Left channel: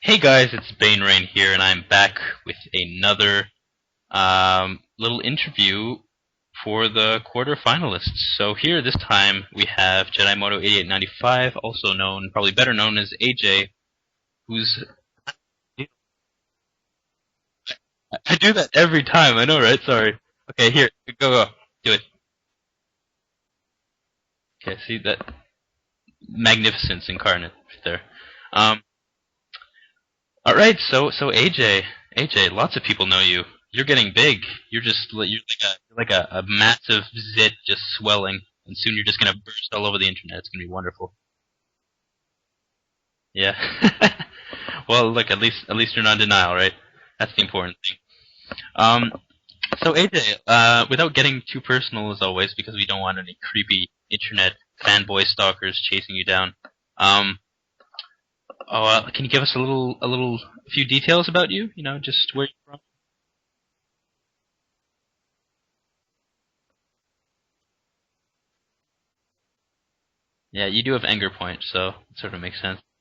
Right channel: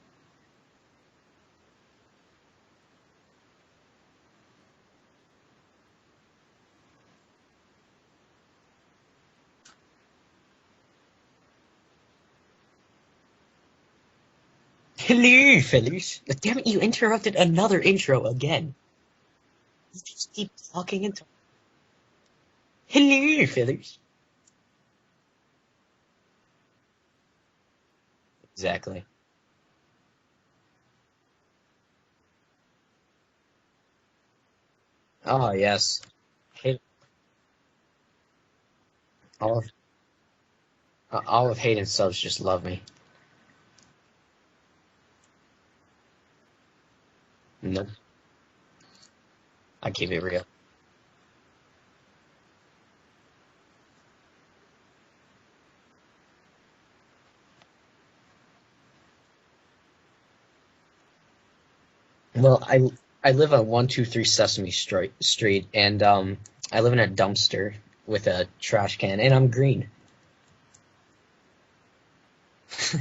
Hey guys, it's BaneRain here, and I'm back with another little interview for the quarterfinalists. So here, this time, we have Jedimono8895, also known, probably better known as AJ, who's... Hello, fellas. Damn it, you interrupted another intro I do again. that every time, I know, right? Sorry. Just keep Okay, here, talking into. go. Do it. Hello, fellas. Okay, see that? Magnificence incarnate right there. Exactly. Alright, so AJ, lots of people know you. You're getting big. You're Oh, like yes. a massive zit just swelling, and soon you're just gonna All, burst all over the internet. It's gonna be wonderful. all of Hayden subs just love me. Yeah. Well, look, at least you're not in denial, right? That's the important Nope. thing. Um, so Keep it AJ, real. without getting too personal as always, because we don't want any creepy internet fanboy stalkers chasing you down. Um, can you give us a few details about you? You know, just where. Well, I live on 123 Sesame Street, and I live in a dumpster with a trash can, and I'm green. Yeah, you do have anger point, so it sort of makes sense.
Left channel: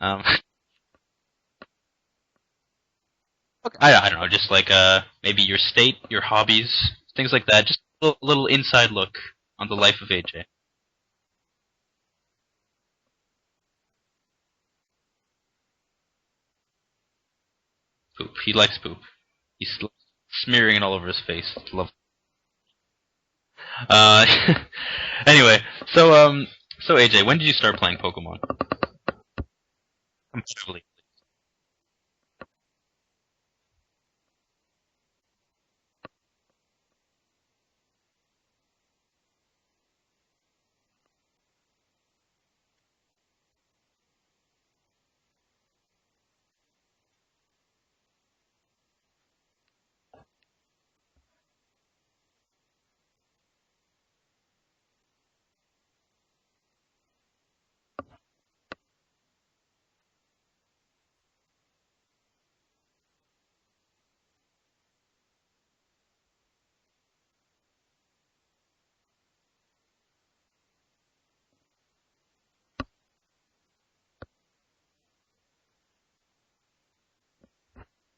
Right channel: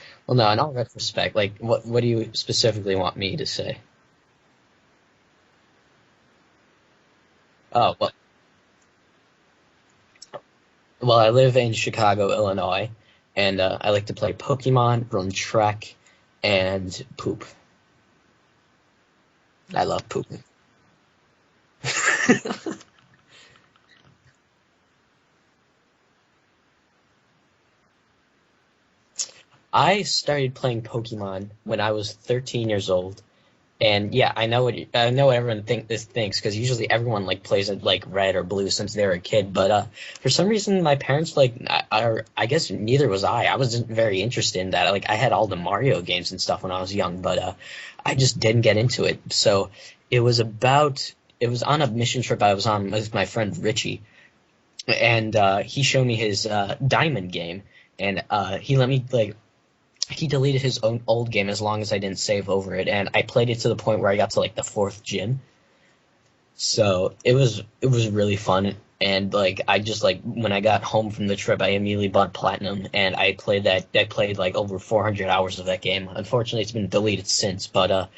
Um, Well, no, in all retrospect, like, what do you specifically want me to say? I don't know, just like maybe your state, your hobbies, things like that. Just Oh, a little inside look on the life of AJ. well, I live in Chicago, Illinois, and I like to play Pokemon, run track, and poop. Poop. He likes poop. He's I love poop. smearing it all over his face. It's lovely. Uh, anyway, so AJ, when did you start playing Pokemon? I started playing Pokemon when I was 13 years old, and yeah, I know what everyone thinks because usually everyone like plays it like red or blue since they were a kid. But for some reason, my parents I guess neither was I. I wasn't very interested in that. Like I had all the Mario games and stuff when I was young, but I just didn't get into it. So it was on a mission trip I was on with my friend Richie, and he showed me his Diamond game, and he let me like he deleted his own old game as long as I didn't save over it, and I played it to the point where I got to like the fourth gym. So it was really fun, and like I just like when I got home from the trip, I immediately bought Platinum, and I played that. I played like over 400 hours of that game. Unfortunately, it's been deleted since, but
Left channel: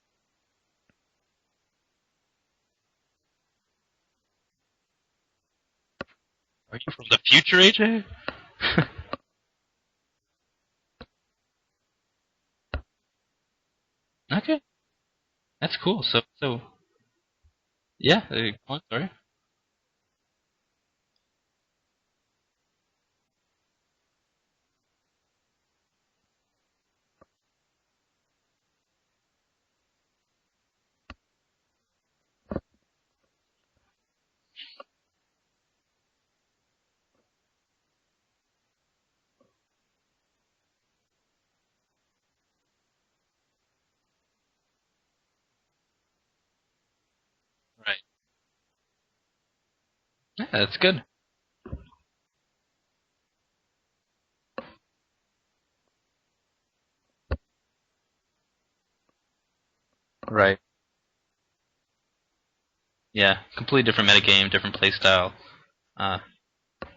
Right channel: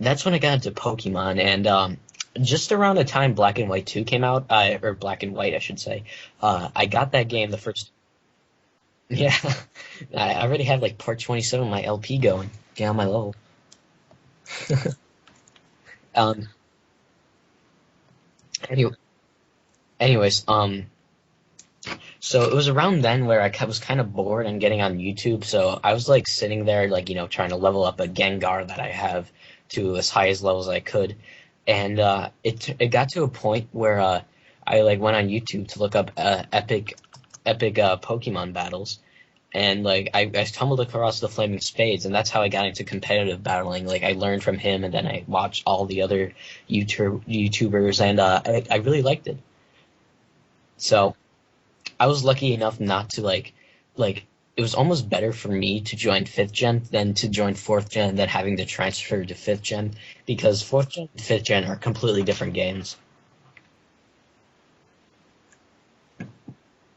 that's when I got into Pokemon, and just around the time Black and White 2 came out, or Black and White, I should say, I got The that game. future AJ? Yeah, I already have like part 27 of my LP going. Get on my level. Okay, that's cool. So, Um, so yeah, go on, anyway, sorry. anyways, so it was around then where was kind of bored and getting on YouTube. So I was like sitting there, like, trying to level up a Gengar that I have to as high as levels I could. And it got to a point where I like went on YouTube to look up epic Pokemon battles. And like I stumbled across the Flaming Spades, and that's how I got into competitive battling. Like I learned from him, and then I watched all the other YouTubers, and I really liked it. Yeah, that's good. So I was lucky enough not to like it was almost better for me to join fifth gen than to join fourth gen than having to transfer to fifth gen Right. because fourth gen and fifth gen are completely different games. Yeah, completely different metagame, different playstyle. Uh,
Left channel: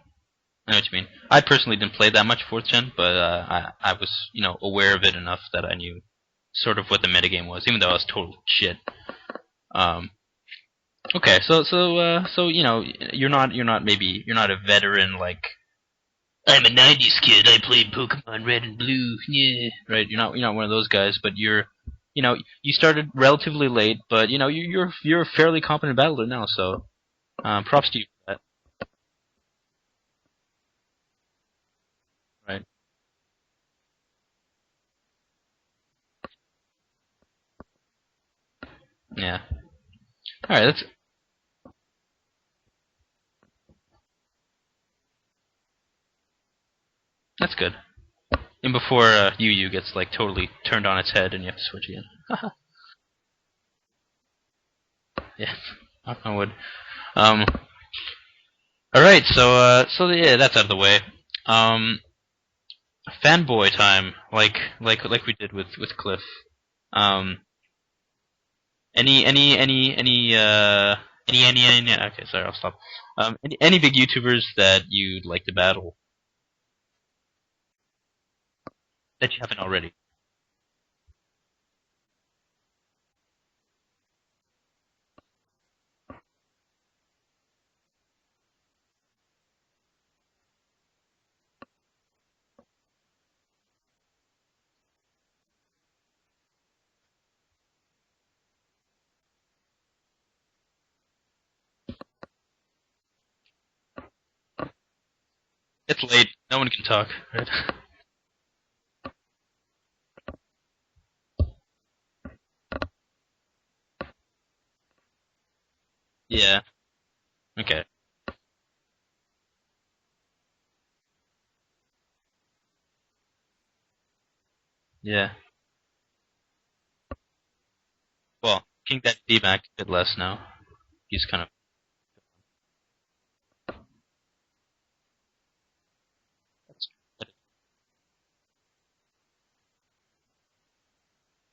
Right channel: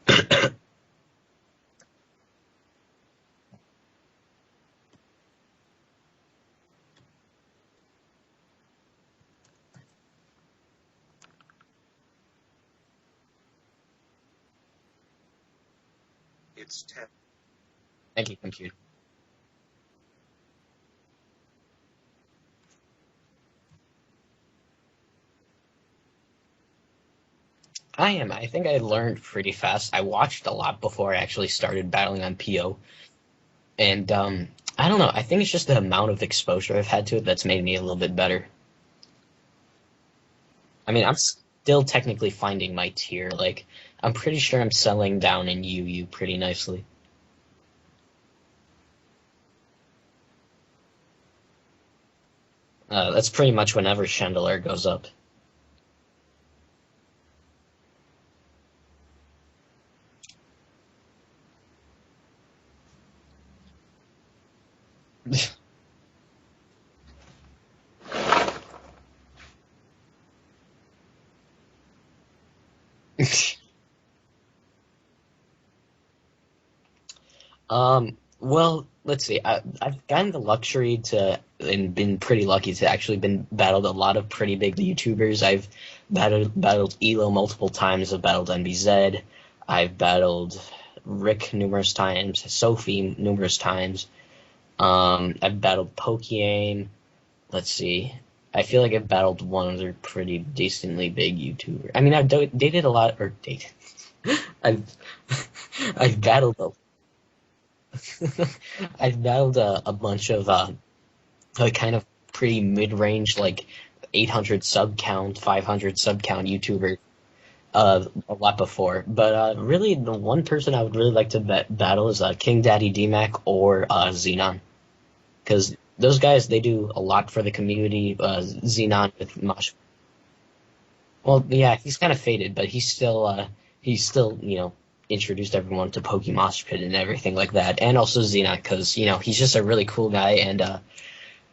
I know what you mean. I personally didn't play that much fourth gen, but I was aware of it enough that I knew sort of what the metagame was, even though I was total shit. Um, okay, so you're not a veteran like I'm a '90s kid. I played Pokemon Red and Blue. Yeah, right. You're not one of those guys, but you started relatively late, but you're a fairly competent battler now. So props to you I for am. that. I think I learned pretty fast. I watched a lot before I actually started battling on Right. PO, and I don't know. I think it's just the amount of exposure I've had to it that's made me a little bit better. Yeah. All right. That's I mean, I'm still technically finding my tier. Like, I'm pretty sure I'm settling down in UU pretty nicely. that's good. And before Yu gets like totally turned on its head and you have to switch again. That's pretty much whenever Chandelier goes up. Yeah. Knock on wood. Um. All right. So yeah, that's out of the way. Um. Fanboy time, like we did with Cliff. Um. Any. Okay, sorry, I'll stop. Any big YouTubers that you'd like to battle? Um, Well, let's that you see. haven't already? I've gotten the luxury to, and been pretty lucky to actually been battled a lot of pretty big YouTubers. I've battled Elo multiple times. I've battled NBZ. I've battled Rick numerous times. Sophie numerous times. I've battled Pokeaim. Let's see. I feel like I've battled one other pretty decently big YouTuber. I mean, I've dated a lot, or dated. I've It's I've late. battled No one can talk, right? I've battled a bunch of like kind of pretty mid-range, like 800 sub count, 500 sub count Yeah. YouTuber Okay. a lot before. But really, the one person I would really like to battle is King Daddy DMAC or Xenon, Yeah. because those guys, they do a lot for the community. Well, Xenon with D-Max a bit less now. He's well, kind of yeah, he's kind of faded, but he's still introduced everyone to Pokemon Pit and everything like that, and also Xenon, because he's just a really cool guy, and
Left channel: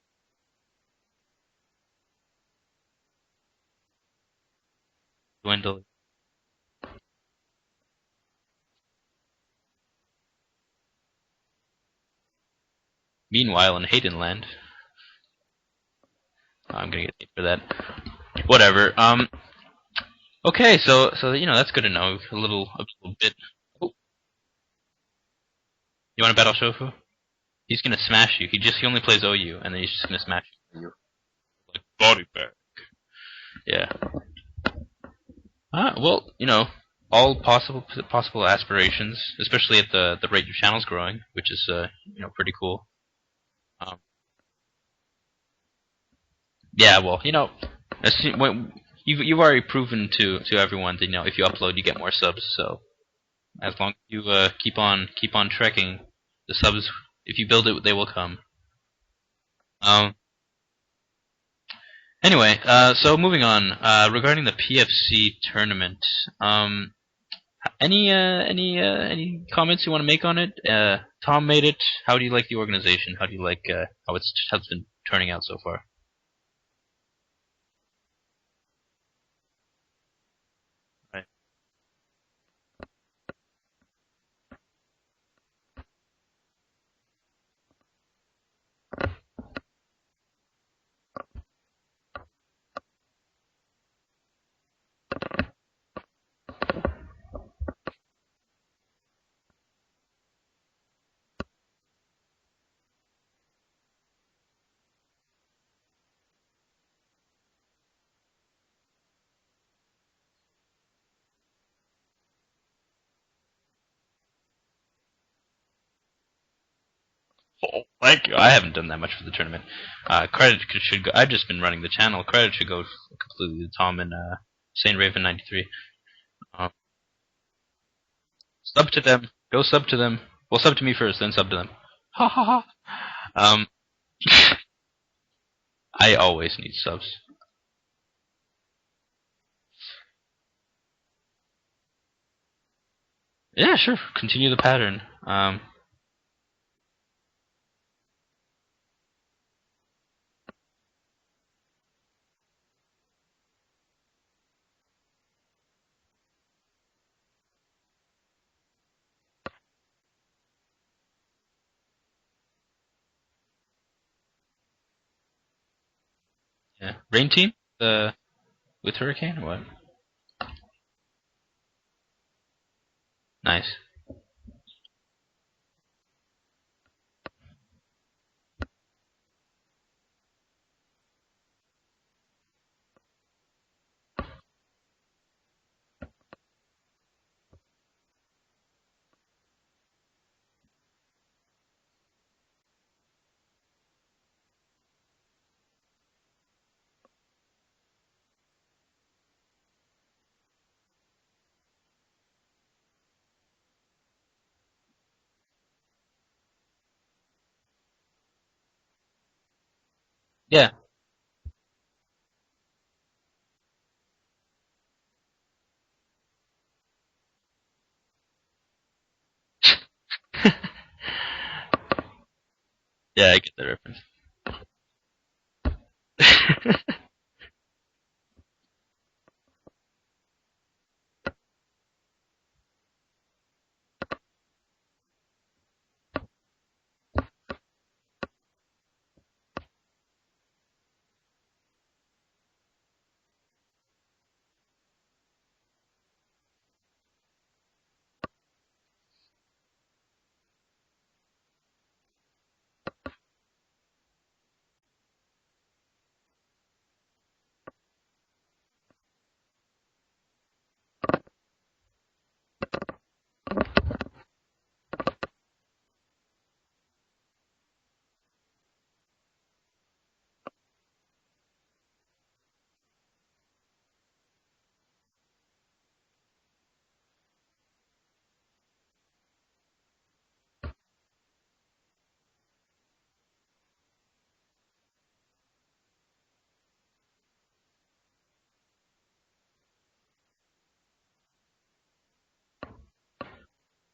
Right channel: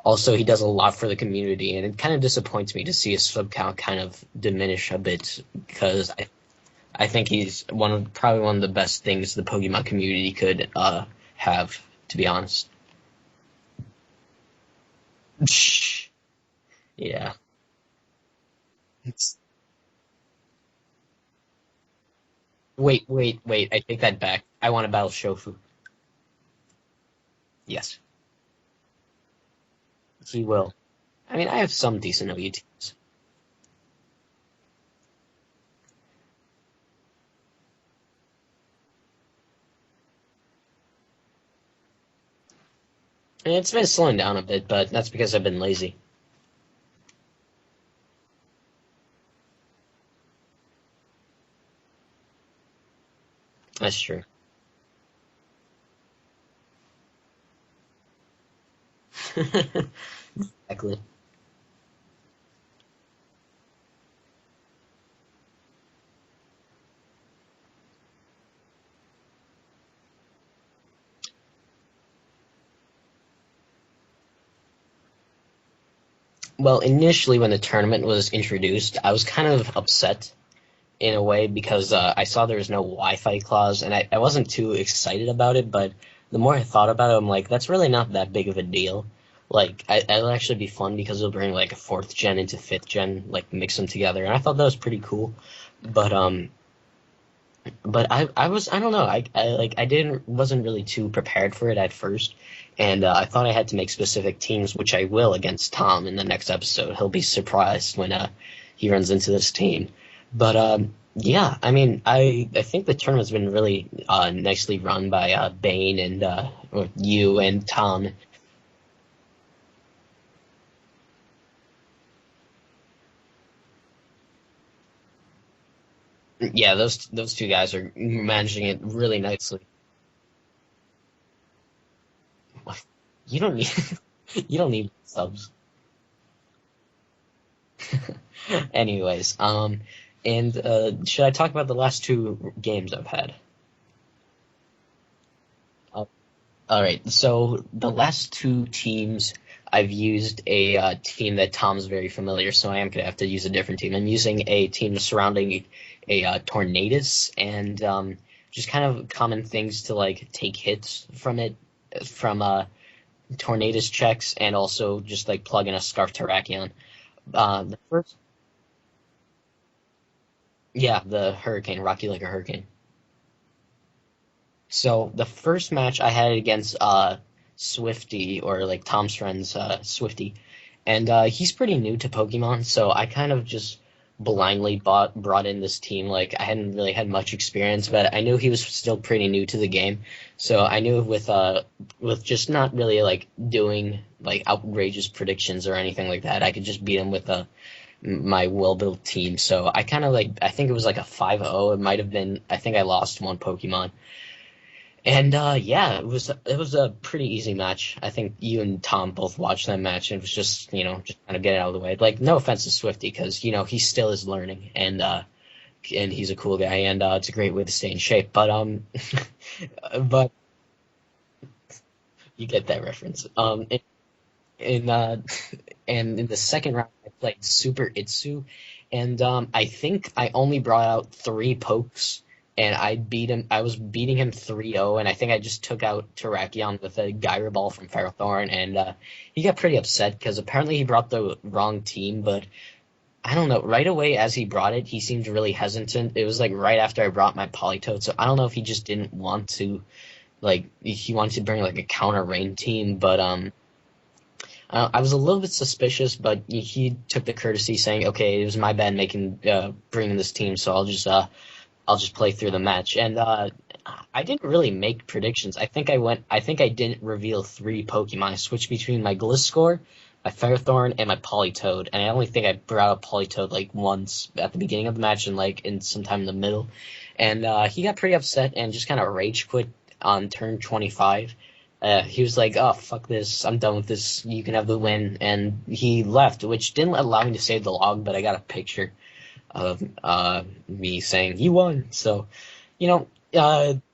also he does a lot for the community, and it kind of disappoints me to see his sub count kind of diminish a bit, dwindled. because I think he's probably one of the best things the Pokemon community could have, to be honest. Meanwhile, in Haydenland, I'm gonna get Yeah. hit for that. Whatever. Okay, so that's good to know. A little Wait, bit. I take that back. I want to battle Shofu. You want to battle Shofu? He's Yes. gonna smash you. He only plays OU, and then he's just gonna smash He will. you. I mean, I have some decent OU teams. Yeah. Well, all possible aspirations, especially at the rate your channel's growing, which is pretty cool. And it's been slowing down a bit, but that's because I've been lazy. Yeah, well, when you've already proven to everyone that if you upload you get more subs. So as long That's as true. you keep on trekking, the subs, if you build it, they will come. Exactly. Anyway, so moving on. Regarding the PFC tournament, any comments you want to make on it? Tom made it. How do you like the organization? How do you like how it's been turning out so far? Well, initially when the tournament was introduced, I was kind of upset in a way because I saw there was no Wi-Fi clause, and I wasn't too excited about it, but the more I thought about it, I'm like, that's really not that big of a deal. Like, it'll actually be fun because it'll bring, like, a 4th gen into 5th gen, like, mix them together, and I thought that was pretty cool. But I don't know, I wasn't really too prepared for it at first, and I thought I had to make specific teams, which I will against Tom in the next episode. He'll be surprised when he runs into this team. But yeah, I mean, I think the tournament's been really nicely run by Bane and you and Tom. Thank you. I haven't done that much for the tournament. Credit should go. I've just been running the channel. Credit should go completely to Tom and SaintRaven93. Yeah, those two guys are managing it Sub to really them. nicely. Go sub to them. Well, sub to me first, then sub to them. Ha ha ha. You don't need subs. I always need subs. Anyways, and should I talk about the last 2 games I've had? Yeah, sure. Continue the pattern. All right, so the last 2 teams, I've used a team that Tom's very familiar, so I am going to have to use a different team. I'm using a team surrounding a Tornadus, and just kind of common things to, like, take hits from it, from Tornadus checks, and also just, like, plug in a Scarf Terrakion. Yeah. Rain team with Hurricane or what? Yeah, the Hurricane, Rocky like a Hurricane. Nice. So the first match I had against Swifty, or like Tom's friend's Swifty, and he's pretty new to Pokemon, so I kind of just blindly brought in this team. Like, I hadn't really had much experience, but I knew he was still pretty new to the game, so I knew with just not really like doing like outrageous predictions or anything like that, I could just beat him with my well-built team. So I kind of I think it was like a 5-0. It might have been, I think I lost 1 Pokemon. And yeah, it was a pretty easy match. I think you and Tom both watched that match, and it was just just kind of get it out of the way. Like, no offense to Swifty, because he still is learning, and he's a cool guy, and it's a great way to stay in shape. But but you get that reference. Yeah, I get that reference. In the second round, I played Super Itsu, and I think I only brought out 3 pokes, and I beat him. I was beating him 3-0, and I think I just took out Terrakion with a Gyro Ball from Ferrothorn, and he got pretty upset because apparently he brought the wrong team, but I don't know. Right away as he brought it, he seemed really hesitant. It was like right after I brought my Politoed, so I don't know if he just didn't want to, like, he wanted to bring like a counter rain team, but I was a little bit suspicious, but he took the courtesy saying, "Okay, it was my bad bringing this team, so I'll just play through the match." And I didn't really make predictions. I think I didn't reveal 3 Pokemon. I switched between my Gliscor, my Ferrothorn, and my Politoed, and I only think I brought up Politoed like once at the beginning of the match and like in sometime in the middle. And he got pretty upset and just kind of rage quit on turn 25. He was like, "Oh, fuck this, I'm done with this, you can have the win," and he left, which didn't allow me to save the log, but I got a picture of me saying, "You won." So,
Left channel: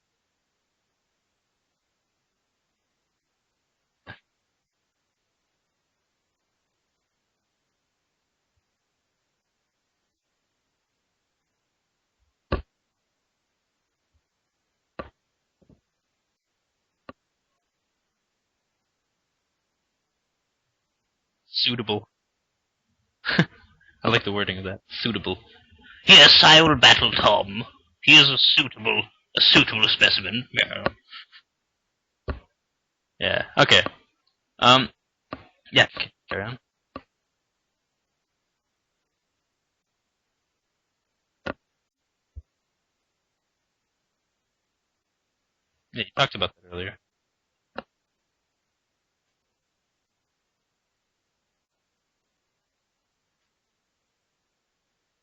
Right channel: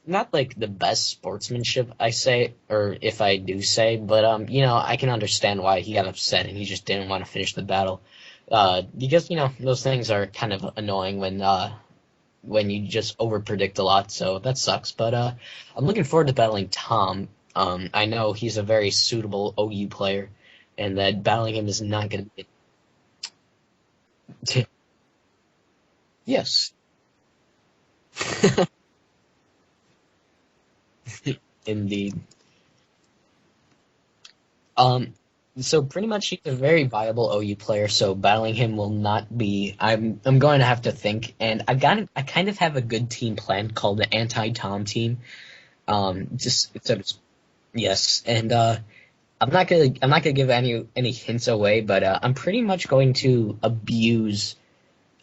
not like the best sportsmanship, I say, or if I do say, but I can understand why he got upset and he just didn't want to finish the battle. Because, those things are kind of annoying when you just overpredict a lot, so that sucks. But I'm looking forward to battling Tom. I know he's a very suitable OU player, and that battling him Suitable. is not going to be. I like the wording of that. Suitable. Yes, I will battle Tom. He is a suitable specimen. Yeah. Indeed. Yeah. Okay. So yeah, pretty much sure. he's a very viable OU player, so battling him will not be. I'm going to have to think, and I kind of have a good team planned called the anti-Tom team. You talked about this earlier. Yes, and I'm not gonna give any hints away, but I'm pretty much going to abuse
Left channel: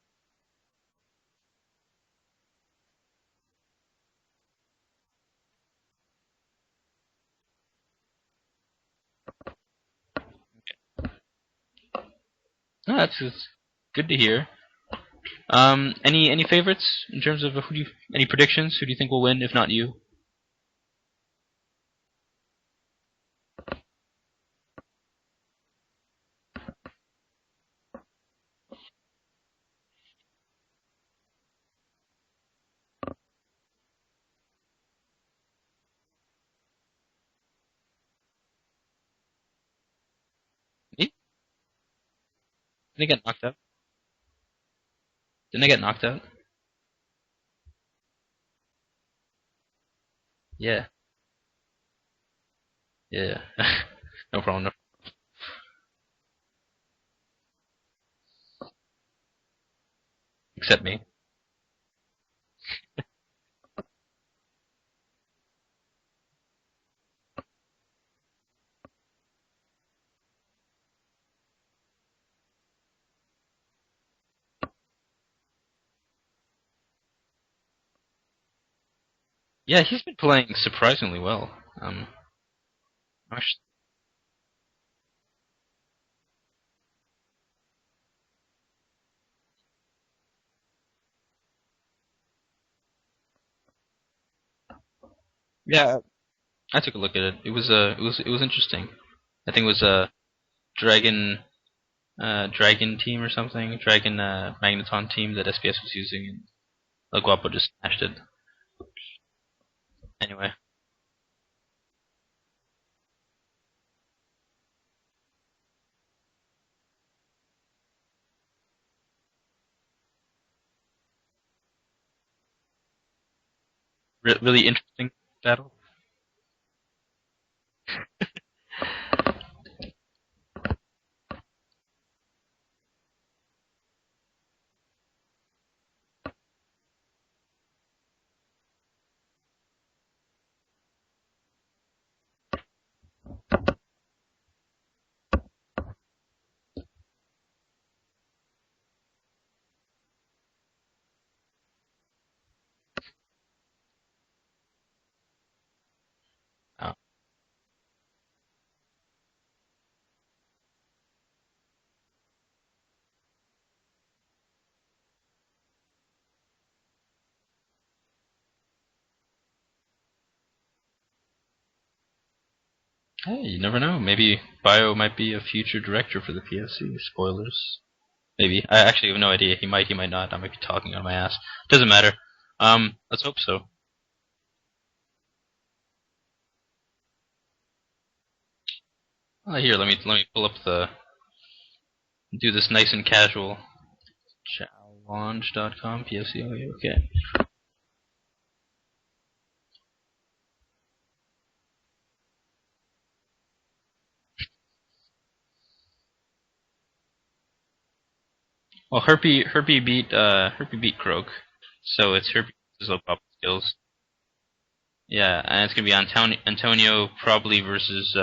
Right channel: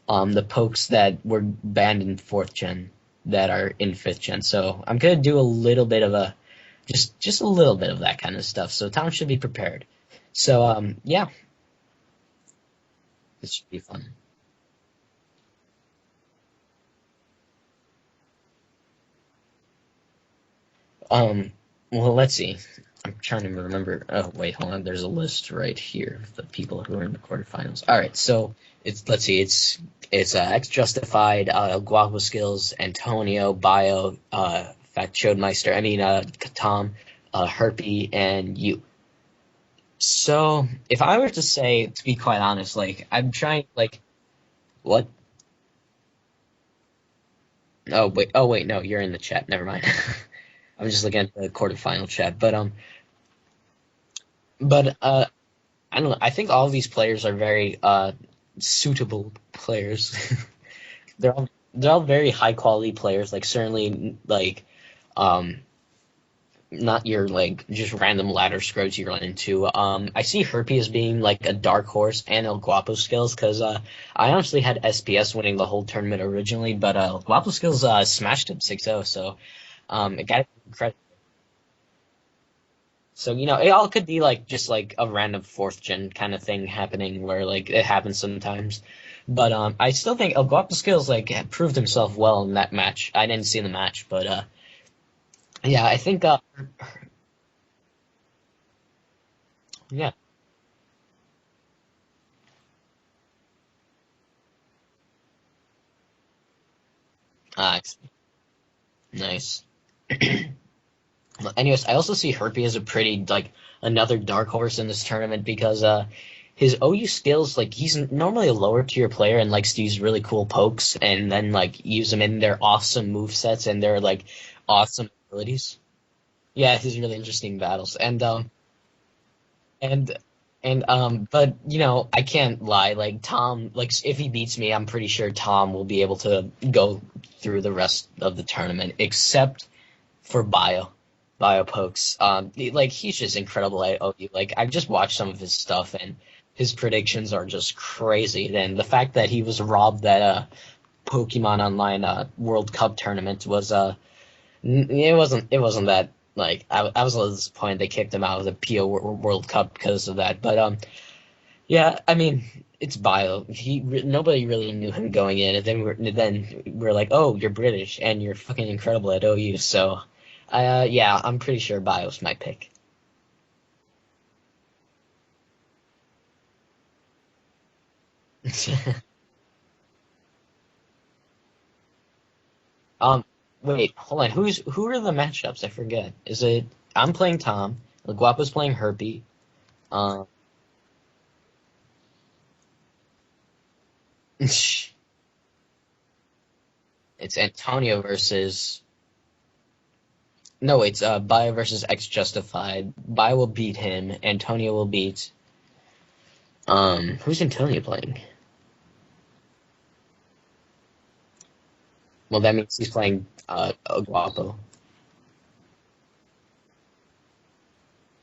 the pokes that were banned in 4th gen that are in 5th gen. So I'm gonna do a little bit of a just a little bit of that kind of stuff. So Tom should be prepared. So yeah. No, that's good to hear. Any favorites in terms of any predictions? Who do you think will win, if not you? Well, let's see. I'm trying to remember. Oh, wait, hold on. There's a list right here of the people who are in the quarterfinals. All right, so let's see. It's X Justified, Guapo Skills, Antonio, Bio, Fat Chodemeister. Tom, Herpy, and you. So, if I were to say, to be quite honest, like I'm trying, like, what? Didn't I get knocked out? Oh wait, no, you're in the chat. Never mind. Yeah. I'm just looking at the quarterfinal chat, but Yeah. No problem. But I don't know. I think all of these players are very suitable players. Except me. They're all very high quality players. Like certainly like not your like just random ladder scroats you run into. I see Herpy as being like a dark horse and El Guapo Skills because I honestly had SPS winning the whole tournament originally, but Guapo Skills smashed him 6-0. So yeah, he's playing surprisingly well. So it all could be like just like a random 4th gen kind of thing happening where like it happens sometimes. But I still think El Guapo Skills like proved himself well in that match. I didn't see the match, but yeah, I think I took a look at it. It was interesting. I think it was a Dragon team or something. Dragon Magneton team that SPS was using, and El Guapo just smashed it. Nice. Anyway. Anyways, I also see Herpy as a pretty like another dark horse in this tournament because his OU skills, like he's normally a lower tier player and likes to use really cool pokes and then like use them in their awesome movesets and their like really awesome abilities. Yeah, his really interesting battles. But I can't lie, like Tom, like if he beats me, I'm pretty sure Tom will be able to go through the rest of the tournament, except for Bio pokes. Like he's just incredible at OU. Like I've just watched some of his stuff and his predictions are just crazy. And the fact that he was robbed that Pokemon Online World Cup tournament was it wasn't that like I was a little disappointed they kicked him out of the PO World Cup because of that. But yeah, I mean it's Bio. Nobody really knew him going in, and then we're like, oh, you're British and you're fucking incredible at OU. So yeah, I'm pretty sure Bio's my pick. Hey, you never know. Maybe Bio might be a future director for the PSC. Spoilers. Maybe. I actually have no idea. He might not. I might be talking on my ass. Doesn't matter. Let's hope so. Wait, hold on. Who are the matchups? I forget. Is it I'm playing Tom, Guapo's playing Herpy. Here, let me pull up do this nice and casual. Launch.com, PFC, okay. It's Antonio versus. No, it's Bio versus X Justified. Bio will beat him. Antonio will beat. Who's Antonio playing? Well, Herpy beat Croak, so it's. Well, that means he's playing Guapo. Yeah, and it's gonna be Antonio probably versus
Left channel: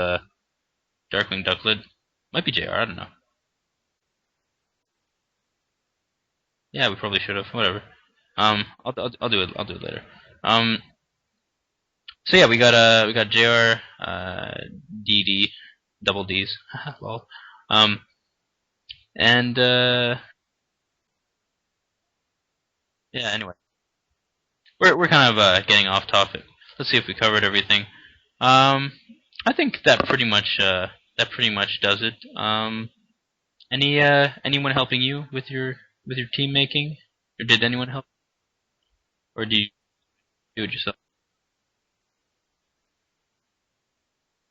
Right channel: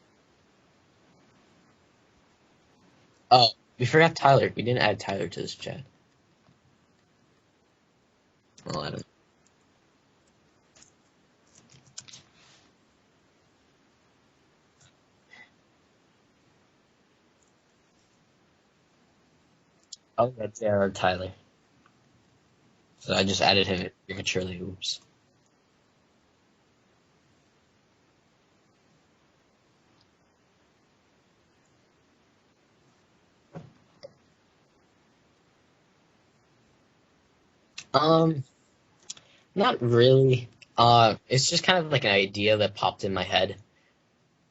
Darkwing Ducklet. Might be JR, I don't know. Oh, we forgot Tyler. We didn't add Tyler to this chat. Yeah, we probably should have. Whatever. I'll do it. I'll do it later. So yeah, we got JR, DD, double D's, lol. And Oh, that's JR Tyler. So yeah, I just added him prematurely. We're kind of getting off topic. Let's see if we covered everything. I think that pretty much does it. Anyone helping you with your team making, or did anyone help? Or do you? Not really. Do it yourself? It's just kind of like an idea that popped in my head.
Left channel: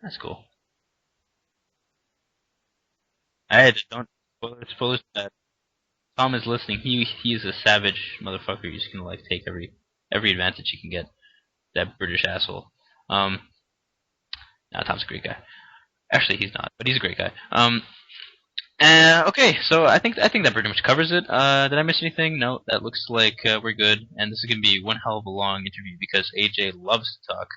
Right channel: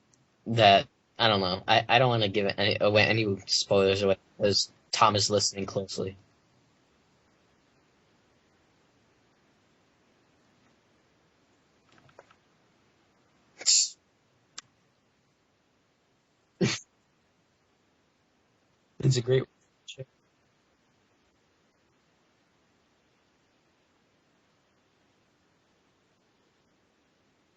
That's cool. That I don't know. I don't want to give it any spoilers away because Tom is listening closely. Tom is listening. He is a savage motherfucker. He's gonna like take every advantage he can get. That British asshole. Nah, Tom's a great guy. Actually, he's not, but he's a great guy. Okay, so I think that pretty much covers it. Did I miss anything? No, that looks like we're good. And this is gonna be one hell of a long interview because AJ loves to talk.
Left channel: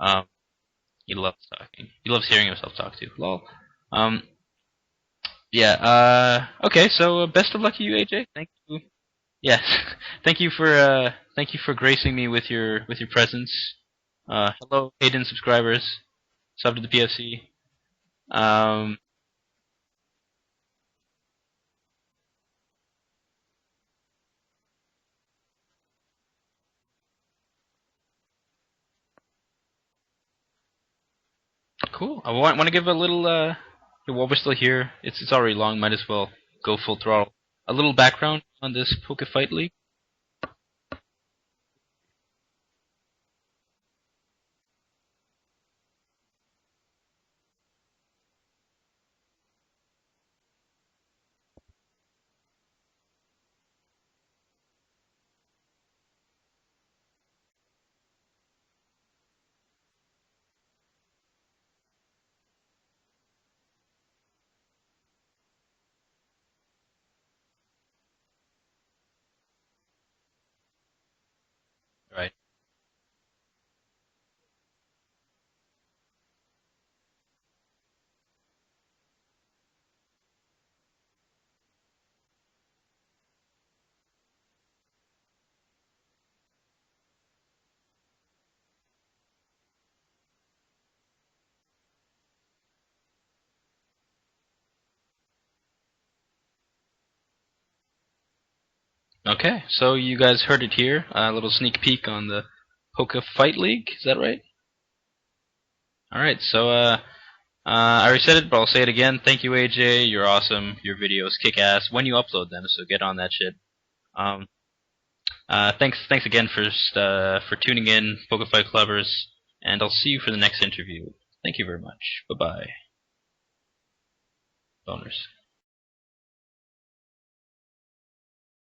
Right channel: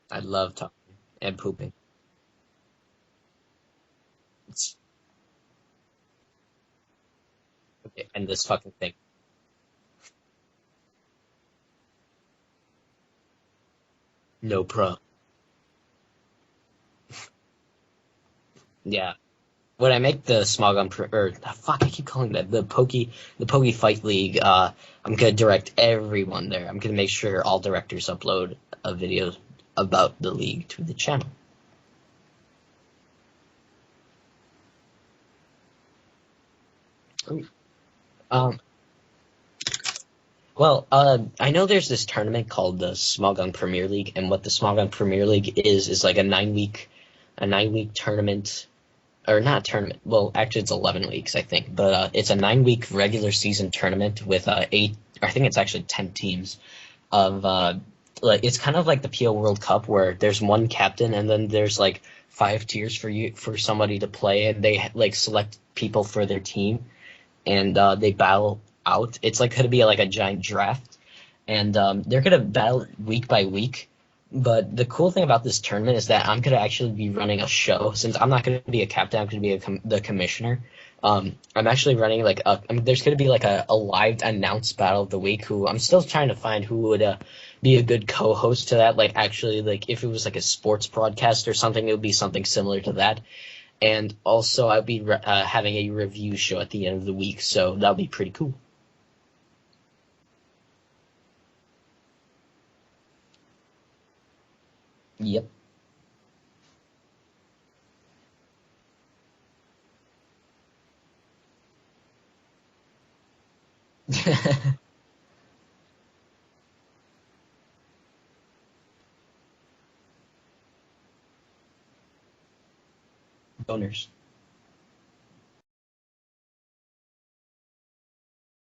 I love talking. He loves talking. He loves hearing himself talk too. Lol. Yeah. Okay. So best of luck to you, AJ. This fucking thing. Yes. Thank you for gracing me with your presence. No problem. Paid-in subscribers. Sub to the PFC. Yeah. When I make the I keep calling that the Pokey Fight League. I'm gonna direct everyone there. I'm gonna make sure all directors upload a video about the league to the channel. Cool. I want to give a little. While we're still here, it's already long. Might as well go full throttle. A little background on this Poke Fight League. Well, I know there's this tournament called the Smogon Premier League, and what the Smogon Premier League is like a 9-week tournament. Or not tournament. Well, actually, it's 11 weeks, I think. But it's a 9-week regular season tournament with 8. I think it's actually 10 teams. It's kind of like the PO World Cup where there's one captain and then there's like 5 tiers for somebody to play, and they like select people for their team, and they battle out. It's like going to be like a giant draft, and they're going to battle week by week. But the cool thing about this tournament is that I'm going to actually be running a show. Since I'm not going to be a captain, I'm going to be the commissioner. I'm actually running there's going to be like a live announced battle of the week. Who I'm still trying to find who would be a good co-host to that. Like actually, like if it was like a sports broadcast or something, it would be something similar to that. And also, I'll be having a review show at the end of the week, so that'll be pretty cool. Okay, so you guys heard it here. A little sneak peek on the Poke Fight League, is that right? Yep. Alright, so I already said it, but I'll say it again. Thank you, AJ. You're awesome. Your videos kick ass when you upload them, so get on that shit. Thanks again for tuning in, Poke Fight Clubbers, and I'll see you for the next interview. Thank you very much. Bye-bye. Boners. Boners.